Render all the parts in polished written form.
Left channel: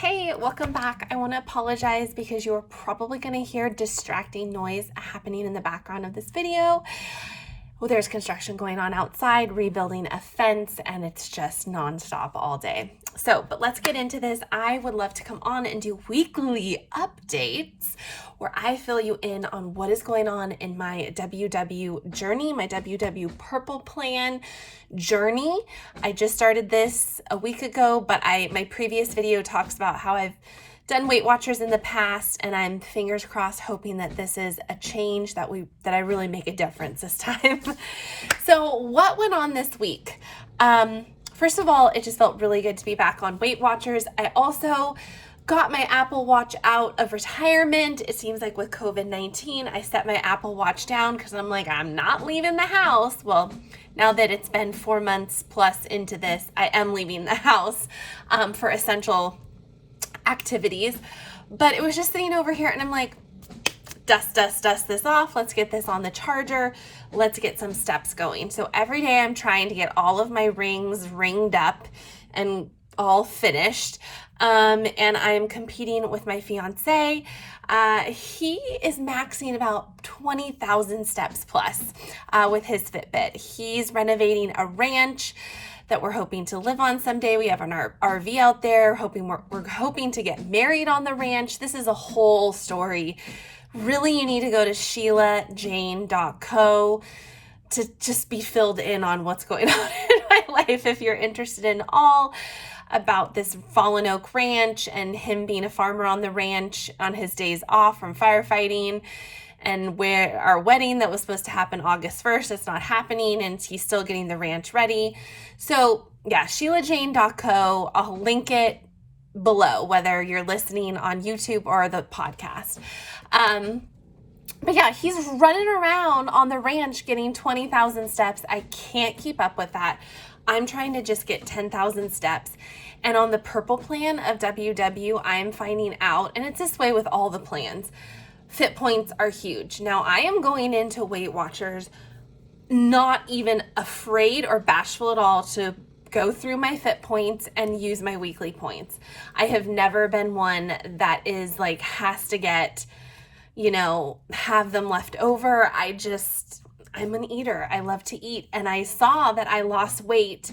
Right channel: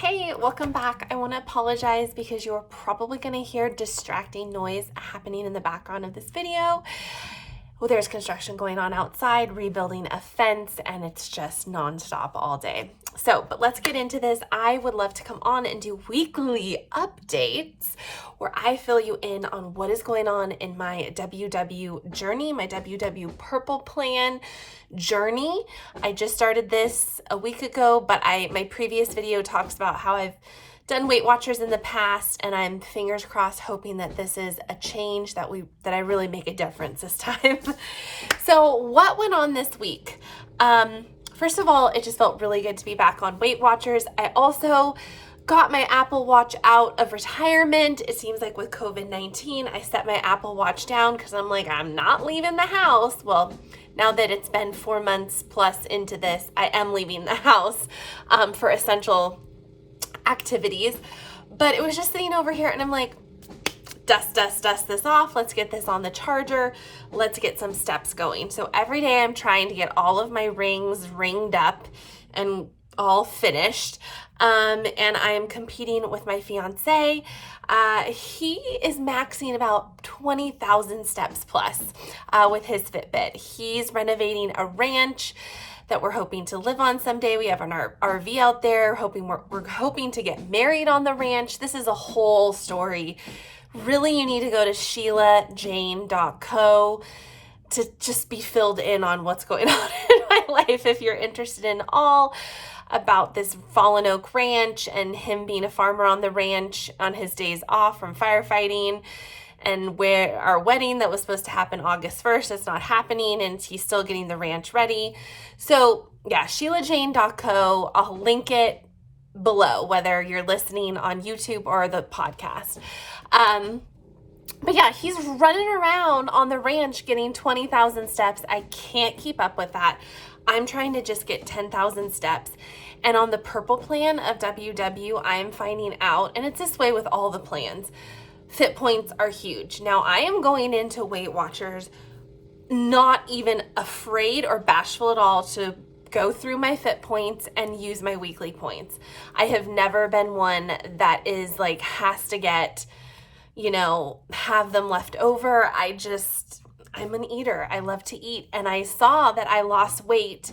Hey, welcome back. I want to apologize because you're probably going to hear distracting noise happening in the background of this video. Well, there's construction going on outside, rebuilding a fence, and it's just nonstop all day. But let's get into this. I would love to come on and do weekly updates where I fill you in on what is going on in my WW journey, my WW Purple Plan journey. I just started this a week ago, but my previous video talks about how I've done Weight Watchers in the past, and I'm fingers crossed hoping that this is a change that I really make a difference this time. So what went on this week? First of all, it just felt really good to be back on Weight Watchers. I also got my Apple Watch out of retirement. It seems like with COVID-19, I set my Apple Watch down because I'm like, I'm not leaving the house. Well, now that it's been 4 months plus into this, I am leaving the house for essential activities. But it was just sitting over here and I'm like, dust this off. Let's get this on the charger. Let's get some steps going. So every day I'm trying to get all of my rings ringed up and all finished. And I'm competing with my fiance. He is maxing about 20,000 steps plus with his Fitbit. He's renovating a ranch that we're hoping to live on someday. We have an RV out there, we're hoping to get married on the ranch. This is a whole story. Really, you need to go to SheilaJane.co to just be filled in on what's going on in my life if you're interested in all about this Fallen Oak Ranch and him being a farmer on the ranch on his days off from firefighting, and where our wedding that was supposed to happen August 1st, it's not happening, and he's still getting the ranch ready. So yeah, SheilaJane.co. I'll link it below, whether you're listening on YouTube or the podcast. But yeah, he's running around on the ranch getting 20,000 steps. I can't keep up with that. I'm trying to just get 10,000 steps. And on the Purple Plan of WW, I'm finding out, and it's this way with all the plans, Fit points are huge. Now, I am going into Weight Watchers not even afraid or bashful at all to go through my Fit points and use my weekly points. I have never been one that is like, has to get, have them left over. I'm an eater. I love to eat. And I saw that I lost weight.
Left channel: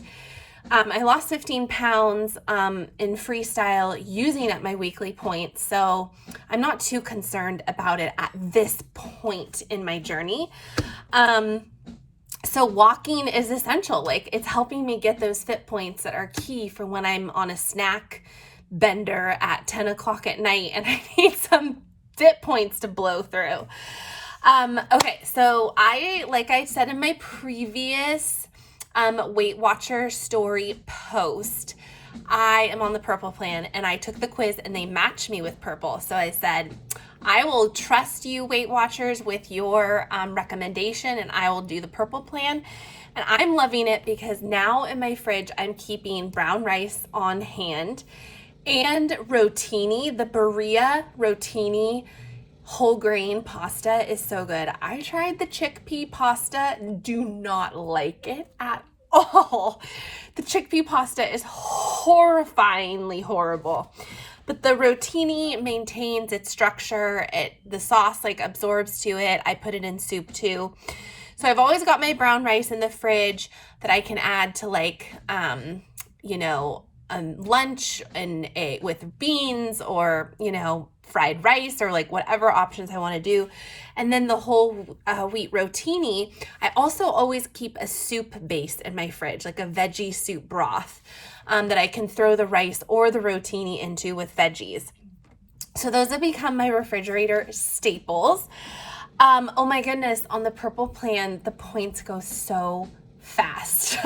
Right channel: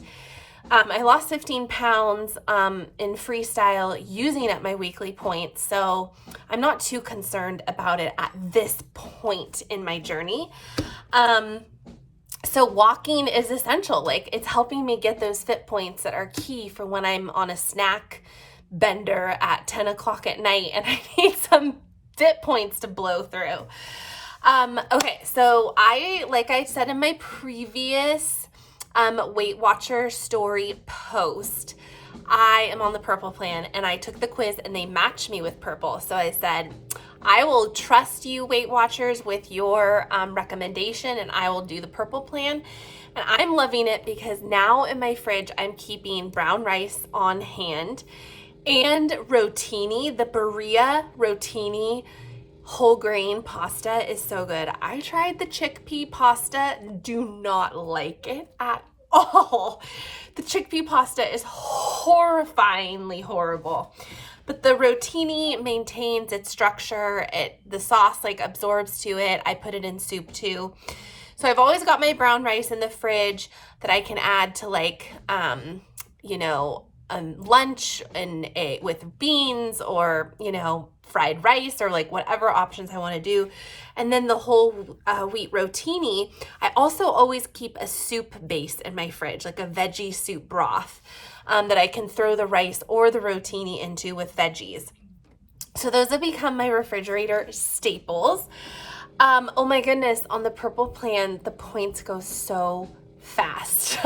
I lost 15 pounds in freestyle using at my weekly points. So I'm not too concerned about it at this point in my journey. So walking is essential. Like, it's helping me get those Fit points that are key for when I'm on a snack bender at 10 o'clock at night and I need some Fit points to blow through. Okay, so like I said in my previous Weight Watcher story post, I am on the Purple Plan, and I took the quiz and they matched me with Purple. So I said, I will trust you, Weight Watchers, with your recommendation, and I will do the Purple Plan. And I'm loving it because now in my fridge, I'm keeping brown rice on hand and rotini. The Berea rotini whole grain pasta is so good. I tried the chickpea pasta, do not like it at all. The chickpea pasta is horrifyingly horrible. But the rotini maintains its structure. The sauce absorbs to it. I put it in soup too. So I've always got my brown rice in the fridge that I can add to lunch and with beans or, fried rice or whatever options I want to do. And then the whole wheat rotini, I also always keep a soup base in my fridge, like a veggie soup broth that I can throw the rice or the rotini into with veggies. So those have become my refrigerator staples. Oh my goodness, on the Purple Plan, the points go so fast.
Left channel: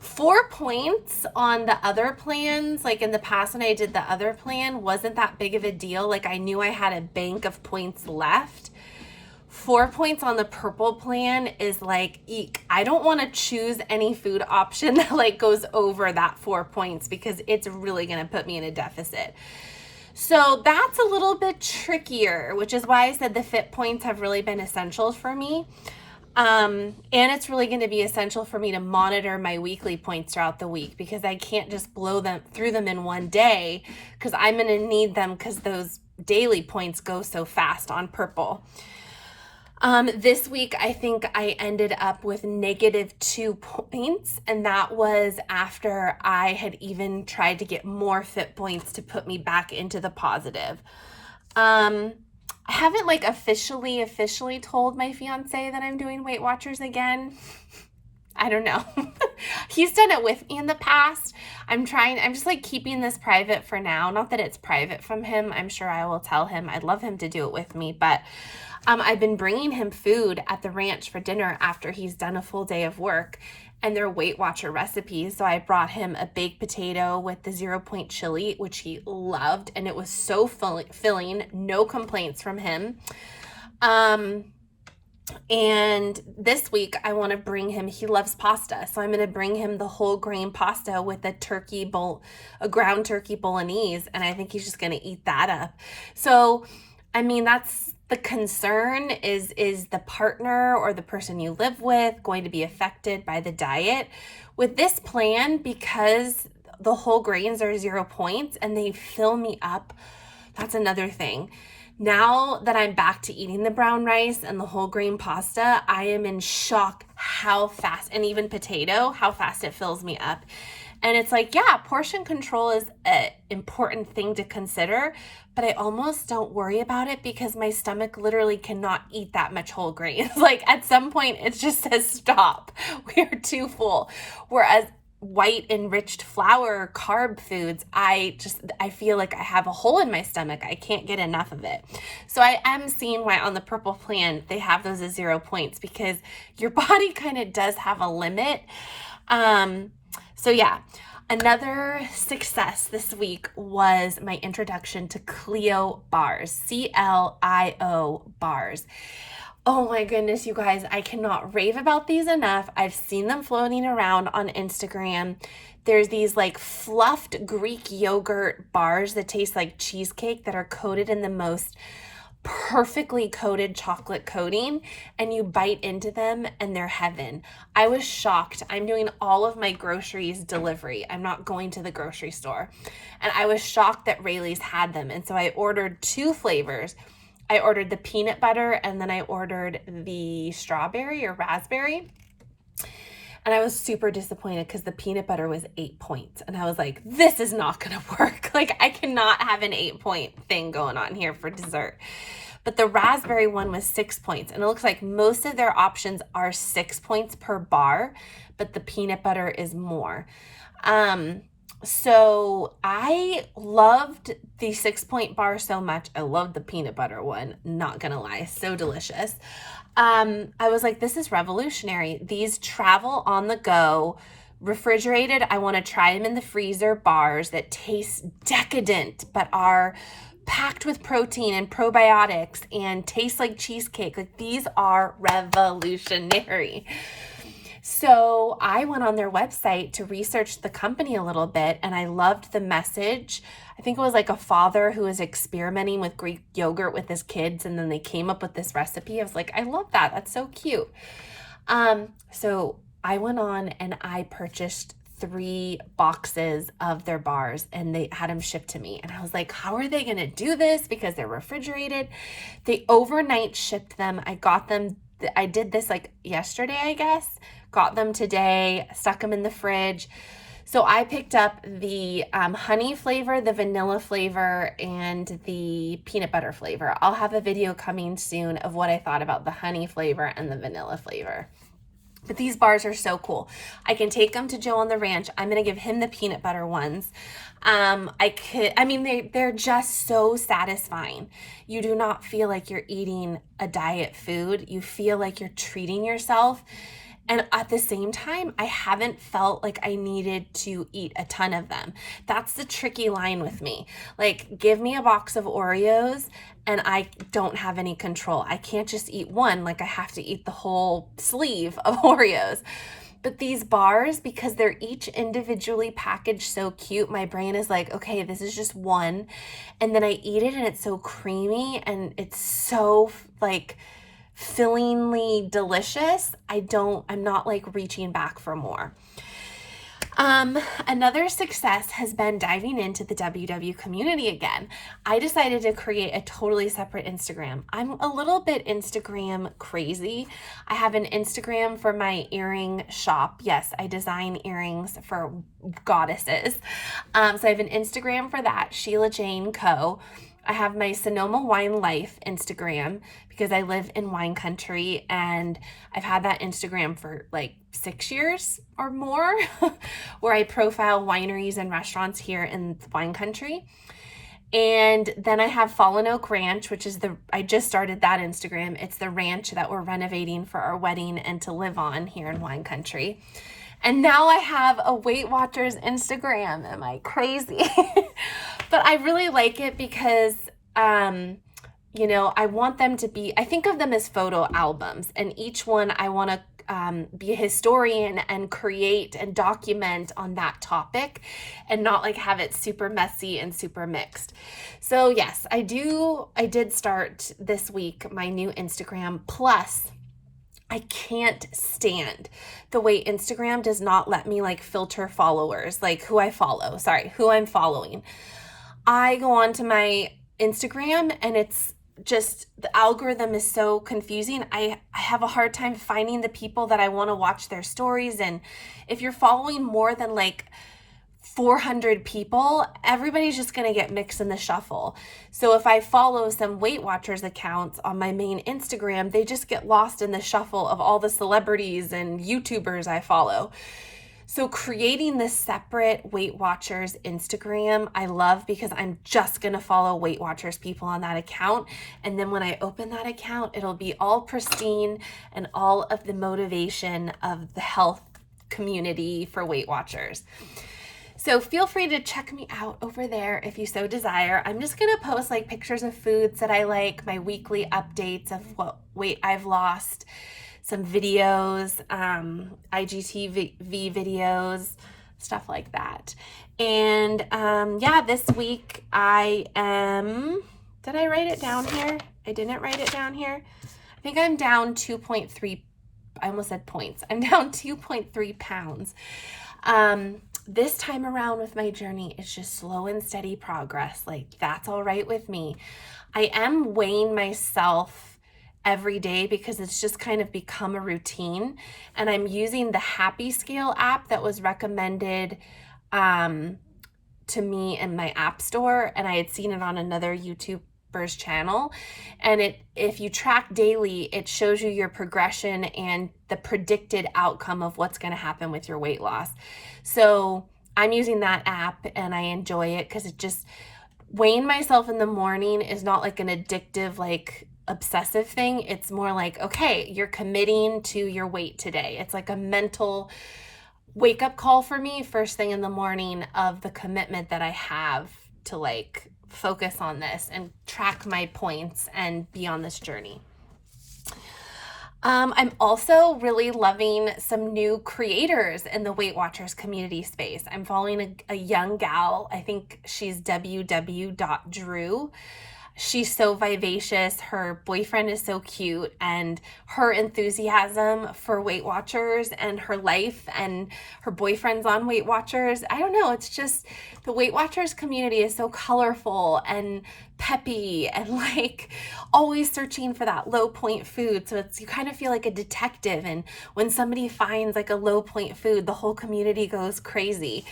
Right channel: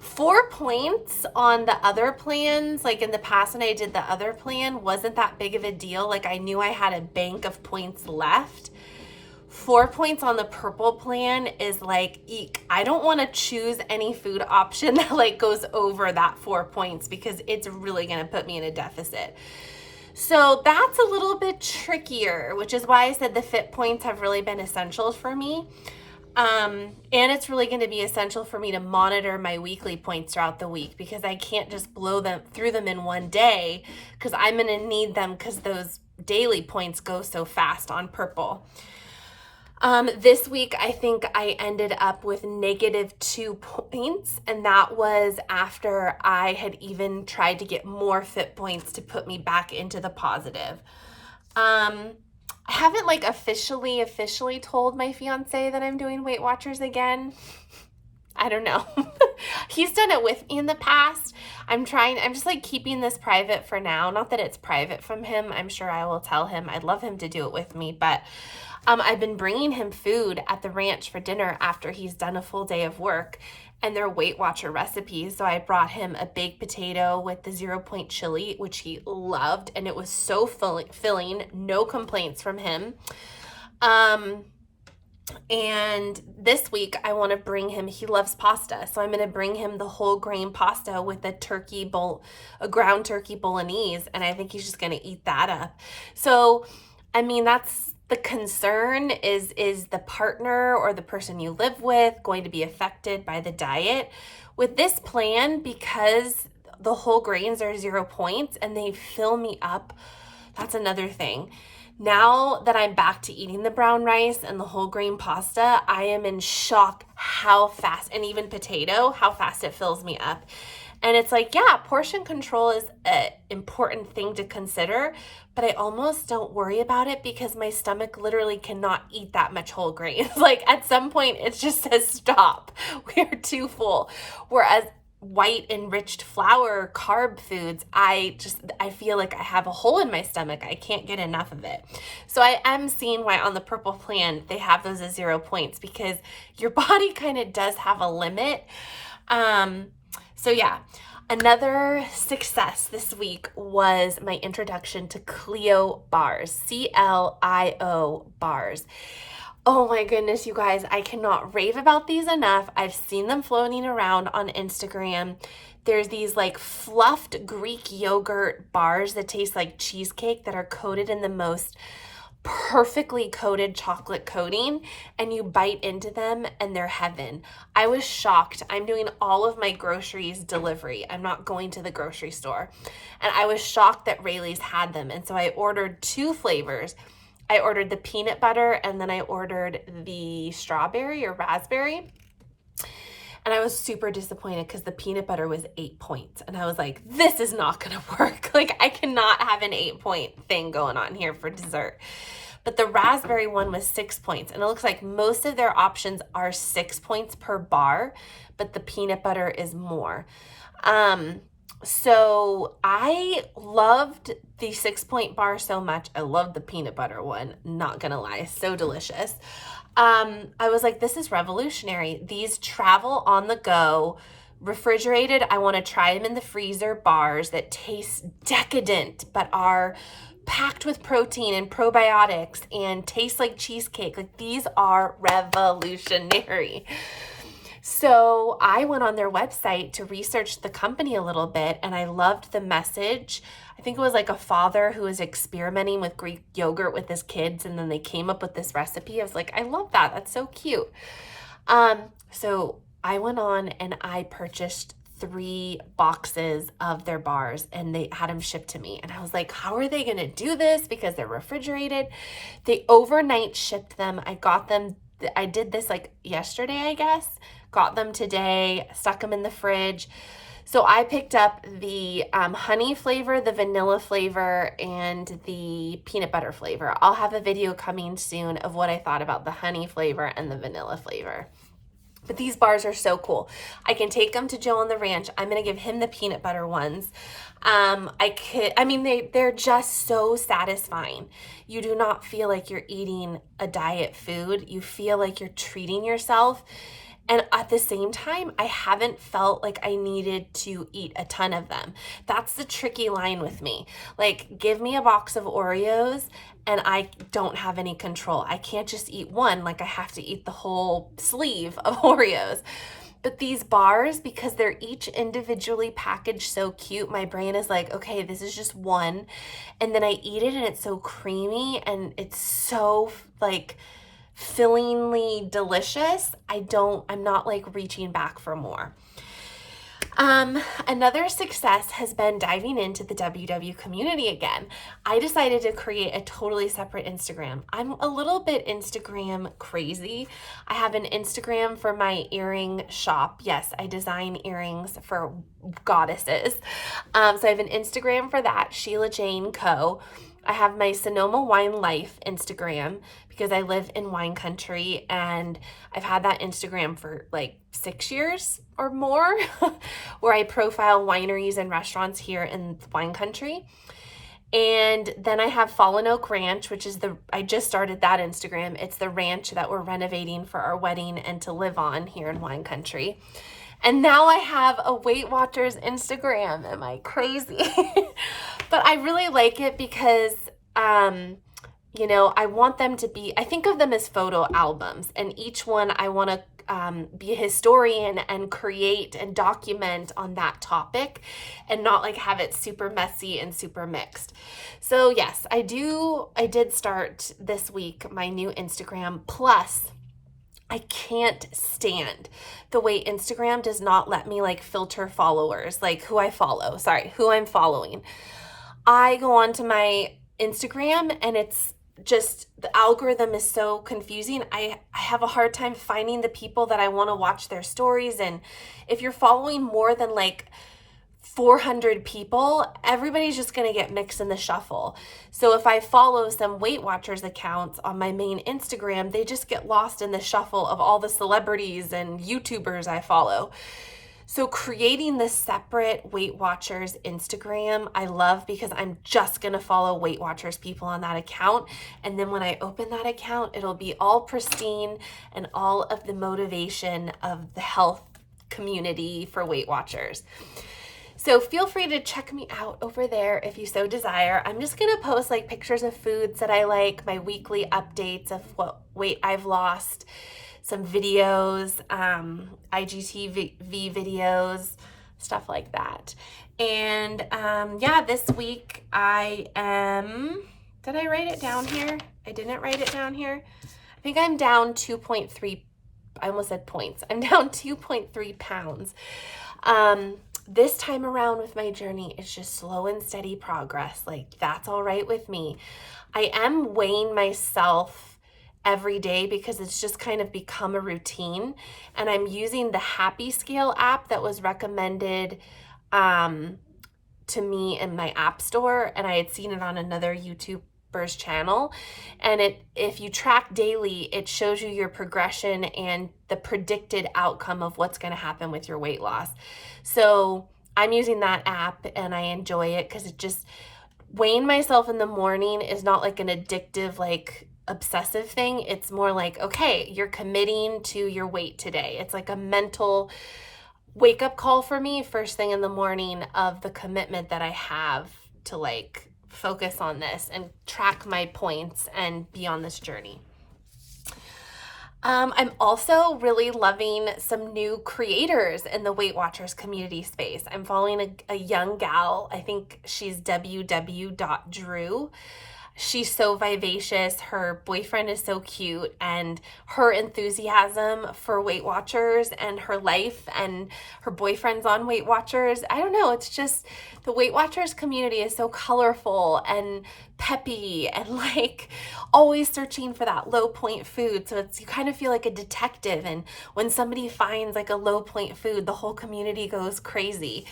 4 points on the other plans, in the past when I did the other plan, wasn't that big of a deal. I knew I had a bank of points left. 4 points on the Purple Plan is eek. I don't want to choose any food option that goes over that 4 points because it's really going to put me in a deficit. So that's a little bit trickier, which is why I said the Fit points have really been essential for me. And it's really going to be essential for me to monitor my weekly points throughout the week, because I can't just blow them through them in one day, because I'm going to need them because those daily points go so fast on purple. This week, I think I ended up with -2 points, and that was after I had even tried to get more fit points to put me back into the positive. I haven't like officially told my fiance that I'm doing Weight Watchers again. I don't know. He's done it with me in the past. I'm just like keeping this private for now. Not that it's private from him. I'm sure I will tell him. I'd love him to do it with me, but I've been bringing him food at the ranch for dinner after he's done a full day of work, and they're Weight Watcher recipes. So I brought him a baked potato with the 0 point chili, which he loved, and it was so filling, no complaints from him. And this week I want to bring him, he loves pasta, so I'm going to bring him the whole grain pasta with a ground turkey bolognese, and I think he's just going to eat that up. So, I mean, that's the concern is the partner or the person you live with going to be affected by the diet? With this plan, because the whole grains are 0 points and they fill me up, that's another thing. Now that I'm back to eating the brown rice and the whole grain pasta, I am in shock how fast, and even potato, how fast it fills me up. And it's like, yeah, portion control is an important thing to consider, but I almost don't worry about it because my stomach literally cannot eat that much whole grains. Like at some point it just says stop. We are too full. Whereas white enriched flour carb foods, I feel like I have a hole in my stomach. I can't get enough of it. So I am seeing why on the purple plan they have those as 0 points, because your body kind of does have a limit. So yeah, another success this week was my introduction to Clio bars, CLIO bars. Oh my goodness, you guys, I cannot rave about these enough. I've seen them floating around on Instagram. There's these like fluffed Greek yogurt bars that taste like cheesecake that are coated in the most perfectly coated chocolate coating, and you bite into them and they're heaven. I was shocked. I'm doing all of my groceries delivery. I'm not going to the grocery store. And I was shocked that Rayleigh's had them. And so I ordered 2 flavors. I ordered the peanut butter, and then I ordered the strawberry or raspberry. And I was super disappointed because the peanut butter was 8 points. And I was like, this is not going to work. Like, I cannot have an 8-point thing going on here for dessert. But the raspberry one was 6 points. And it looks like most of their options are 6 points per bar, but the peanut butter is more. So I loved the 6-point bar so much. I loved the peanut butter one, not gonna lie, so delicious. I was like, this is revolutionary. These travel on the go, refrigerated. I want to try them in the freezer bars that taste decadent, but are packed with protein and probiotics and taste like cheesecake. Like, these are revolutionary. So I went on their website to research the company a little bit, and I loved the message. I think it was like a father who was experimenting with Greek yogurt with his kids, and then they came up with this recipe. I was like, I love that. That's so cute. So I went on and I purchased 3 boxes of their bars, and they had them shipped to me. And I was like, how are they going to do this? Because they're refrigerated. They overnight shipped them. I got them. I did this like yesterday, I guess. Got them today, stuck them in the fridge. So I picked up the honey flavor, the vanilla flavor, and the peanut butter flavor. I'll have a video coming soon of what I thought about the honey flavor and the vanilla flavor. But these bars are so cool. I can take them to Joe on the ranch. I'm going to give him the peanut butter ones. They're just so satisfying. You do not feel like you're eating a diet food. You feel like you're treating yourself. And at the same time, I haven't felt like I needed to eat a ton of them. That's the tricky line with me. Like, give me a box of Oreos and I don't have any control. I can't just eat one. Like, I have to eat the whole sleeve of Oreos. But these bars, because they're each individually packaged so cute, my brain is like, okay, this is just one. And then I eat it and it's so creamy and it's so like fillingly delicious, I'm not like reaching back for more. Another success has been diving into the WW community again. I decided to create a totally separate Instagram. I'm a little bit Instagram crazy. I have an Instagram for my earring shop. Yes, I design earrings for goddesses. So I have an Instagram for that, Sheila Jane Co. I have my Sonoma Wine Life Instagram because I live in wine country, and I've had that Instagram for like 6 years or more where I profile wineries and restaurants here in wine country. And then I have Fallen Oak Ranch, which is I just started that Instagram. It's the ranch that we're renovating for our wedding and to live on here in wine country. And now I have a Weight Watchers Instagram. Am I crazy? But I really like it because, you know, I want them to be, I think of them as photo albums, and each one I want to be a historian and create and document on that topic and not like have it super messy and super mixed. So yes, I did start this week my new Instagram. Plus, I can't stand the way Instagram does not let me like filter followers, like who I'm following. I go onto my Instagram and it's just, the algorithm is so confusing. I have a hard time finding the people that I want to watch their stories. And if you're following more than like 400 people, everybody's just going to get mixed in the shuffle. So if I follow some Weight Watchers accounts on my main Instagram, they just get lost in the shuffle of all the celebrities and YouTubers I follow. So creating this separate Weight Watchers Instagram, I love, because I'm just going to follow Weight Watchers people on that account. And then when I open that account, it'll be all pristine and all of the motivation of the health community for Weight Watchers. So feel free to check me out over there if you so desire. I'm just going to post like pictures of foods that I like, my weekly updates of what weight I've lost, some videos, IGTV videos, stuff like that. And yeah, this week did I write it down here? I didn't write it down here. I think I'm down 2.3, I almost said points. I'm down 2.3 pounds. This time around with my journey, it's just slow and steady progress. Like, that's all right with me. I am weighing myself every day because it's just kind of become a routine, and I'm using the Happy Scale app that was recommended to me in my app store, and I had seen it on another YouTuber's channel. And if you track daily, it shows you your progression and the predicted outcome of what's going to happen with your weight loss. So I'm using that app and I enjoy it because it just, weighing myself in the morning is not like an addictive, like obsessive thing. It's more like, okay, you're committing to your weight today. It's like a mental wake up call for me first thing in the morning of the commitment that I have to like focus on this and track my points and be on this journey. I'm also really loving some new creators in the Weight Watchers community space. I'm following a young gal. I think she's ww.drew. She's so vivacious. Her boyfriend is so cute, and her enthusiasm for Weight Watchers and her life, and her boyfriend's on Weight Watchers. I don't know. It's just, the Weight Watchers community is so colorful and peppy and like always searching for that low point food. So you kind of feel like a detective. And when somebody finds like a low point food, the whole community goes crazy.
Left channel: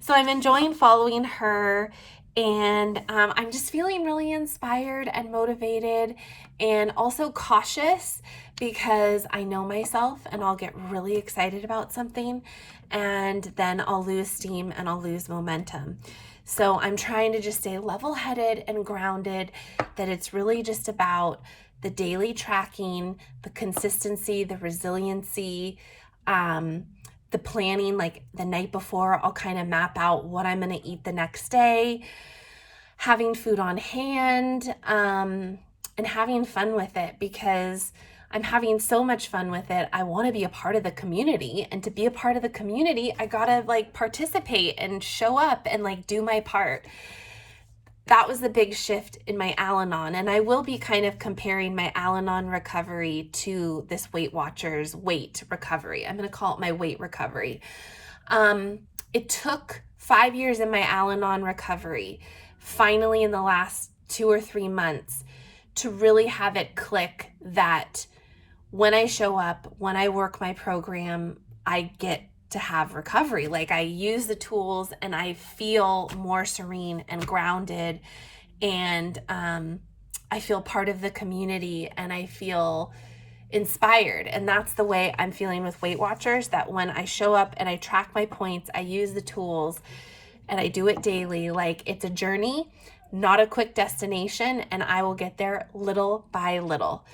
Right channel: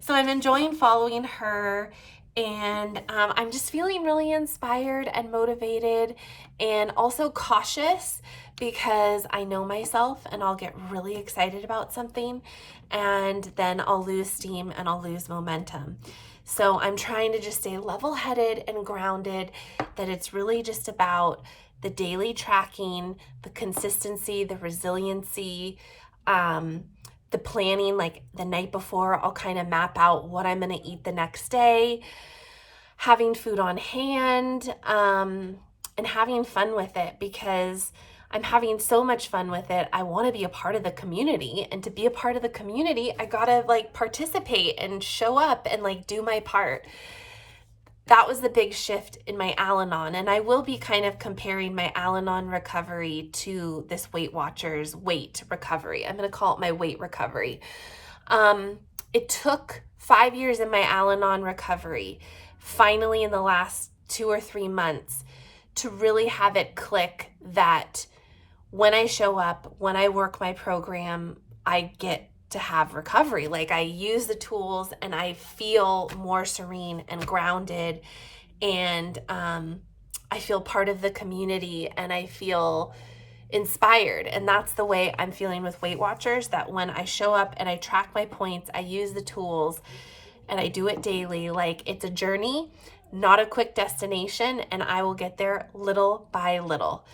So I'm enjoying following her. And I'm just feeling really inspired and motivated, and also cautious, because I know myself and I'll get really excited about something and then I'll lose steam and I'll lose momentum. So I'm trying to just stay level-headed and grounded, that it's really just about the daily tracking, the consistency, the resiliency, the planning. Like the night before, I'll kind of map out what I'm going to eat the next day, having food on hand, and having fun with it, because I'm having so much fun with it. I want to be a part of the community, and to be a part of the community, I gotta like participate and show up and like do my part. that was the big shift in my Al-Anon. And I will be kind of comparing my Al-Anon recovery to this Weight Watchers weight recovery. I'm going to call it my weight recovery. It took 5 years in my Al-Anon recovery, finally in the last 2 or 3 months, to really have it click that when I show up, when I work my program, I get to have recovery. Like, I use the tools and I feel more serene and grounded, and I feel part of the community and I feel inspired. And that's the way I'm feeling with Weight Watchers, that when I show up and I track my points, I use the tools and I do it daily, like, it's a journey, not a quick destination, and I will get there little by little.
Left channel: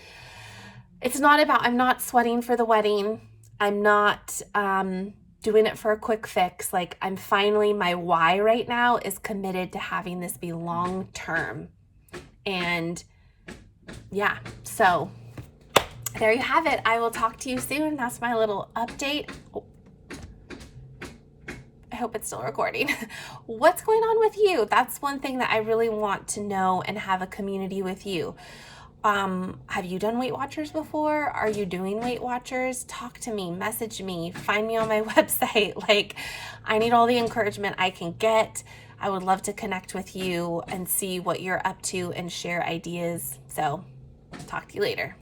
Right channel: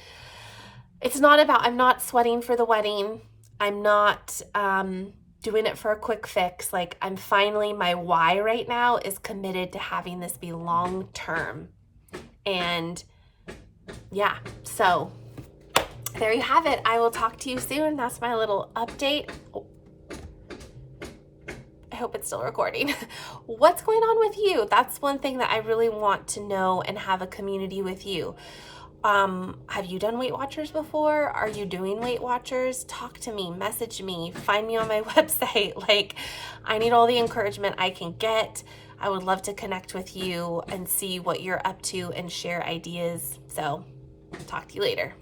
It's not about, I'm not sweating for the wedding. I'm not doing it for a quick fix. Like, I'm finally, my why right now is committed to having this be long term. And yeah, so there you have it. I will talk to you soon. That's my little update. Oh, I hope it's still recording. What's going on with you? That's one thing that I really want to know and have a community with you. Have you done Weight Watchers before? Are you doing Weight Watchers? Talk to me, message me, find me on my website. Like, I need all the encouragement I can get. I would love to connect with you and see what you're up to and share ideas. So, talk to you later.